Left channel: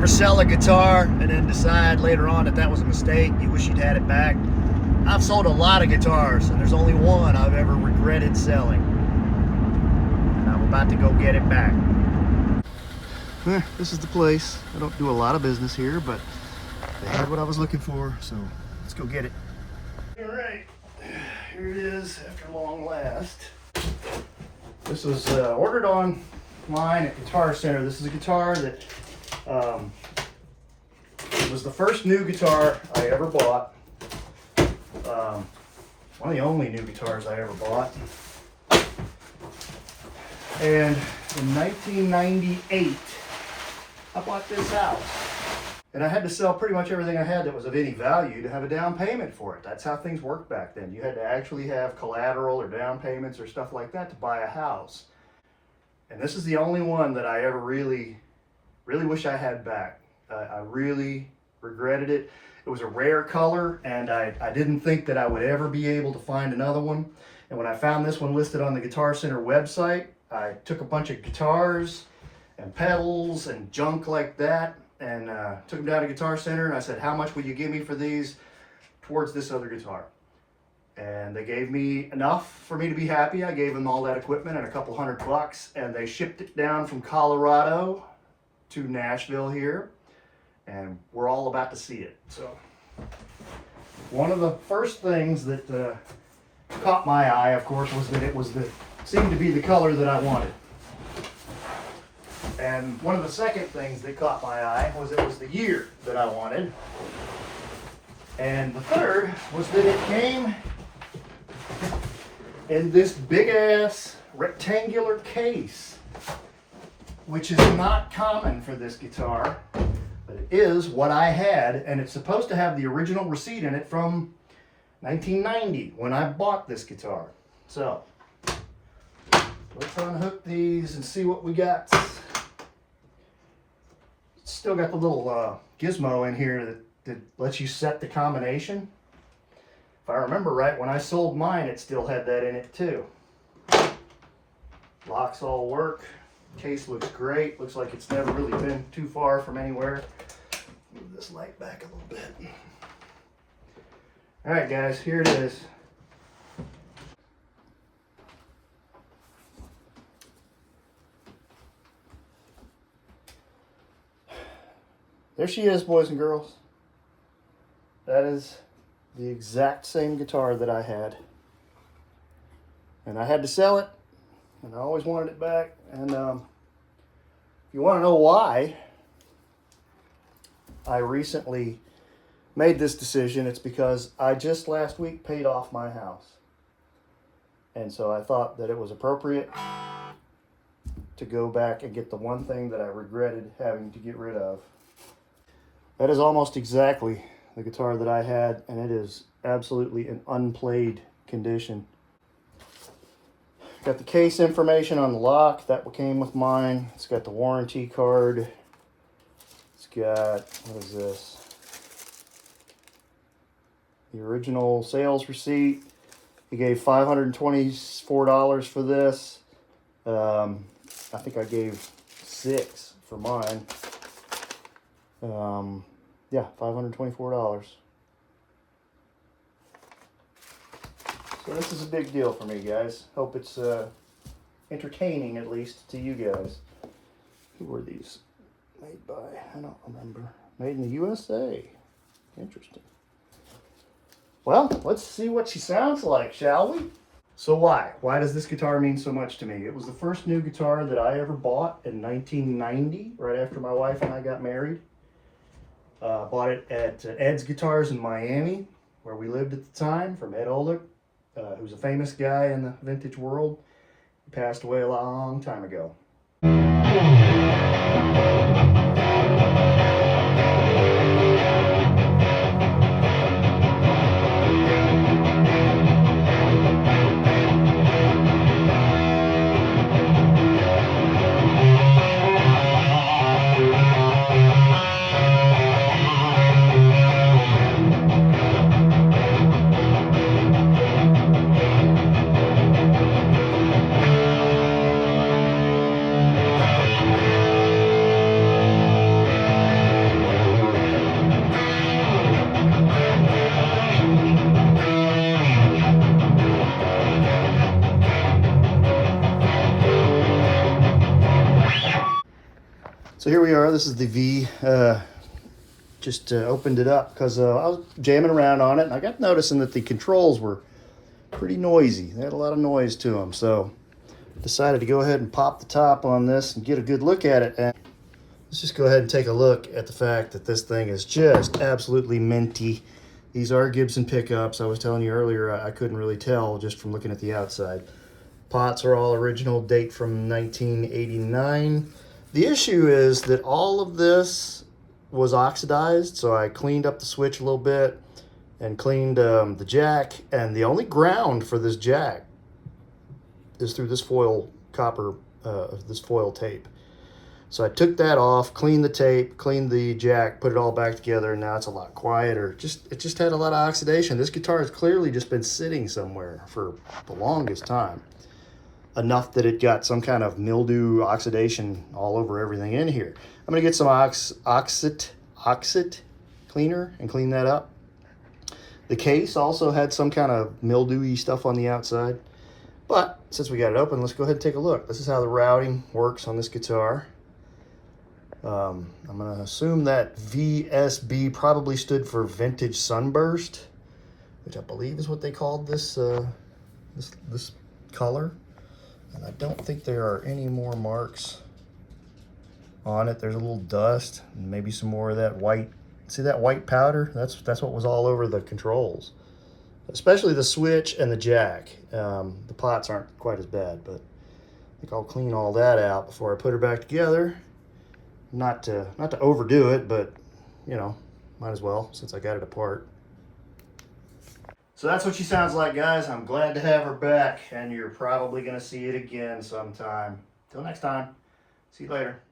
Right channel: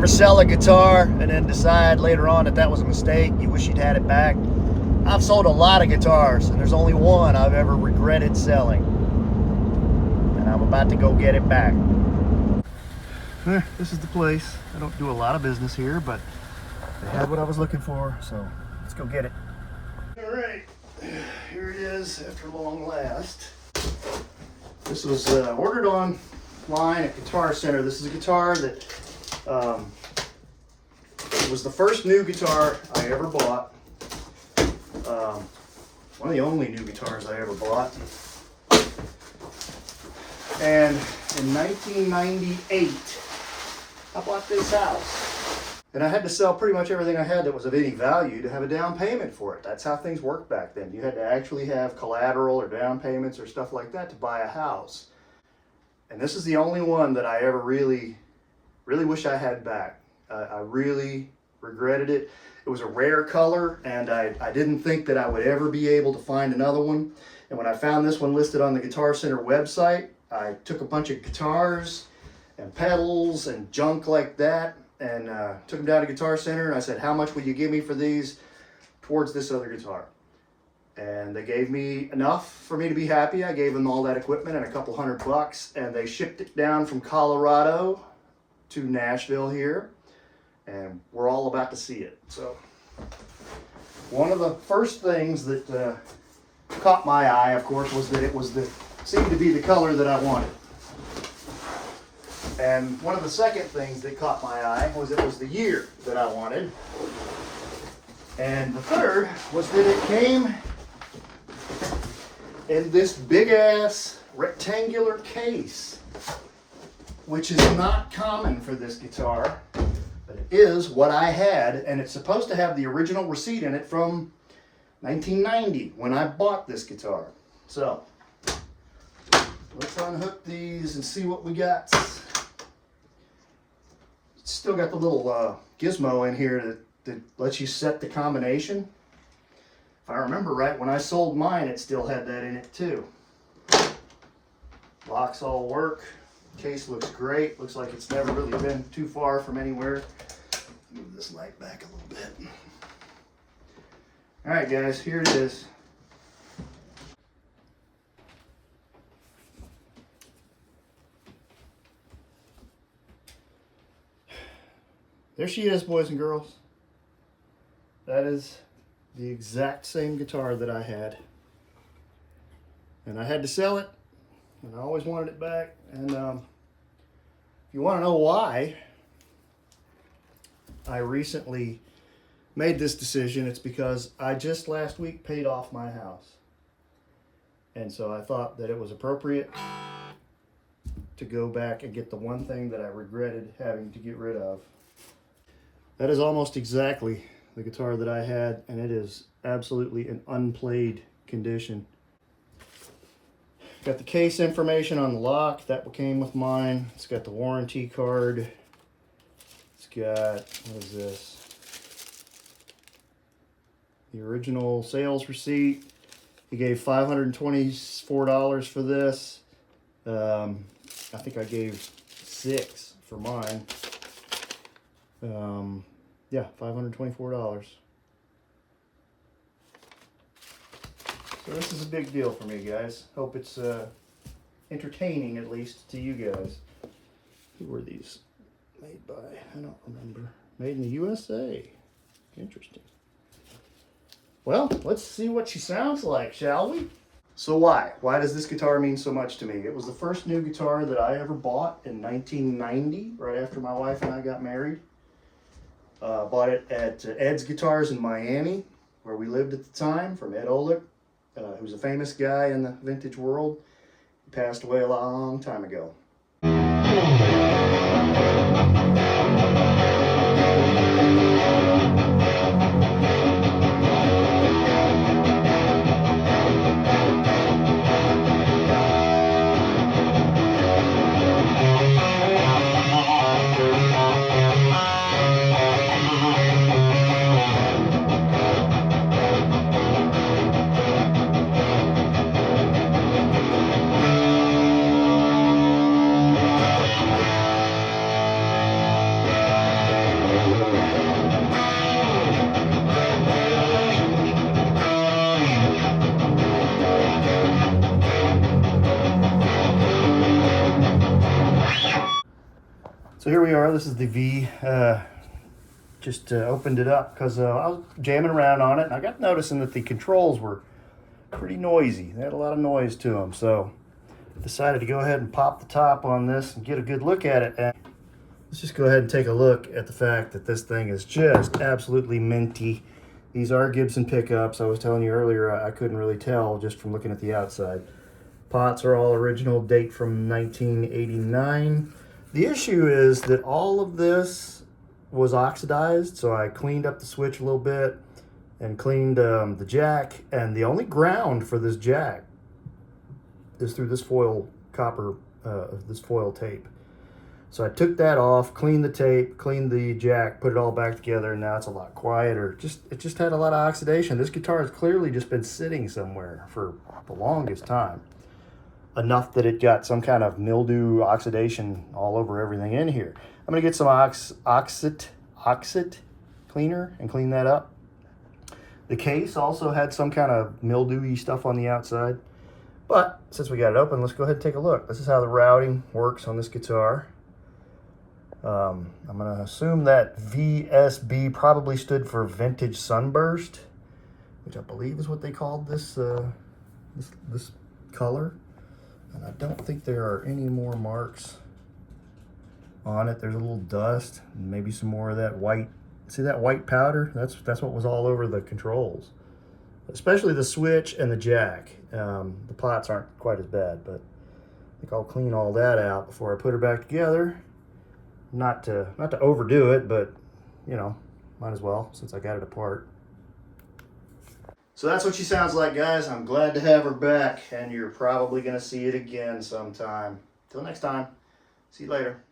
ever sell a guitar and then decide later on that that was a mistake? You wish you'd had it back? I've sold a lot of guitars, and there's only one I've ever regretted selling. And I'm about to go get it back. This is the place. I don't do a lot of business here, but they had what I was looking for, so let's go get it. All right, here it is after long last. This was ordered online at Guitar Center. This is a guitar that it was the first new guitar I ever bought. One of the only new guitars I ever bought. And in 1998, I bought this house. And I had to sell pretty much everything I had that was of any value to have a down payment for it. That's how things worked back then. You had to actually have collateral or down payments or stuff like that to buy a house. And this is the only one that I ever really wish I had back. I really regretted it. It was a rare color, and I didn't think that I would ever be able to find another one. And when I found this one listed on the Guitar Center website, I took a bunch of guitars and pedals and junk like that, and took them down to Guitar Center, and I said, how much will you give me for these towards this other guitar? And they gave me enough for me to be happy. I gave them all that equipment and a couple $100, and they shipped it down from Colorado to Nashville here, and we're all about to see it. So one of the first things that caught my eye, of course, was that it seemed to be the color that I wanted. And one of the second things that caught my eye was it was the year that I wanted. And the third was that it came in this big ass rectangular case, which is not common for this guitar, but it is what I had, and it's supposed to have the original receipt in it from 1990 when I bought this guitar. So let's unhook these and see what we got. Still got the little gizmo in here that lets you set the combination. If I remember right, when I sold mine, it still had that in it too. Locks all work. Case looks great. Looks like it's never really been too far from anywhere. Move this light back a little bit. All right, guys, here it is. There she is, boys and girls. That is the exact same guitar that I had. And I had to sell it, and I always wanted it back. And if you want to know why I recently made this decision, it's because I just last week paid off my house. And so I thought that it was appropriate to go back and get the one thing that I regretted having to get rid of. That is almost exactly the guitar that I had, and it is absolutely in unplayed condition. Got the case information on the lock, that came with mine. It's got the warranty card. It's got, what is this? The original sales receipt. He gave $524 for this. I think I gave $6 for mine. Yeah, $524. So this is a big deal for me, guys. Hope it's entertaining, at least, to you guys. Who were these made by? I don't remember. Made in the USA. Interesting. Well, let's see what she sounds like, shall we? So why? Why does this guitar mean so much to me? It was the first new guitar that I ever bought in 1990, right after my wife and I got married. Bought it at Ed's Guitars in Miami, where we lived at the time, from Ed Olick, who's a famous guy in the vintage world. He passed away a long time ago. So here we are. This is the V. Just opened it up because I was jamming around on it, and I got noticing that the controls were pretty noisy. They had a lot of noise to them, so decided to go ahead and pop the top on this and get a good look at it. And let's just go ahead and take a look at the fact that this thing is just absolutely minty. These are Gibson pickups. I was telling you earlier I couldn't really tell just from looking at the outside. Pots are all original, date from 1989. The issue is that all of this was oxidized, so I cleaned up the switch a little bit and cleaned the jack, and the only ground for this jack is through this foil copper, this foil tape. So I took that off, cleaned the tape, cleaned the jack, put it all back together, and now it's a lot quieter. It just had a lot of oxidation. This guitar has clearly just been sitting somewhere for the longest time. Enough that it got some kind of mildew oxidation all over everything in here. I'm gonna get some oxit cleaner and clean that up. The case also had some kind of mildewy stuff on the outside. But since we got it open, let's go ahead and take a look. This is how the routing works on this guitar. I'm gonna assume that VSB probably stood for Vintage Sunburst, which I believe is what they called this this color. And I don't think there are any more marks on it. There's a little dust, and maybe some more of that white. See that white powder? That's what was all over the controls, especially the switch and the jack. The pots aren't quite as bad, but I think I'll clean all that out before I put her back together. Not to overdo it, but you know, might as well since I got it apart. So that's what she sounds like, guys. I'm glad to have her back, and you're probably going to see it again sometime. Till next time, see you later.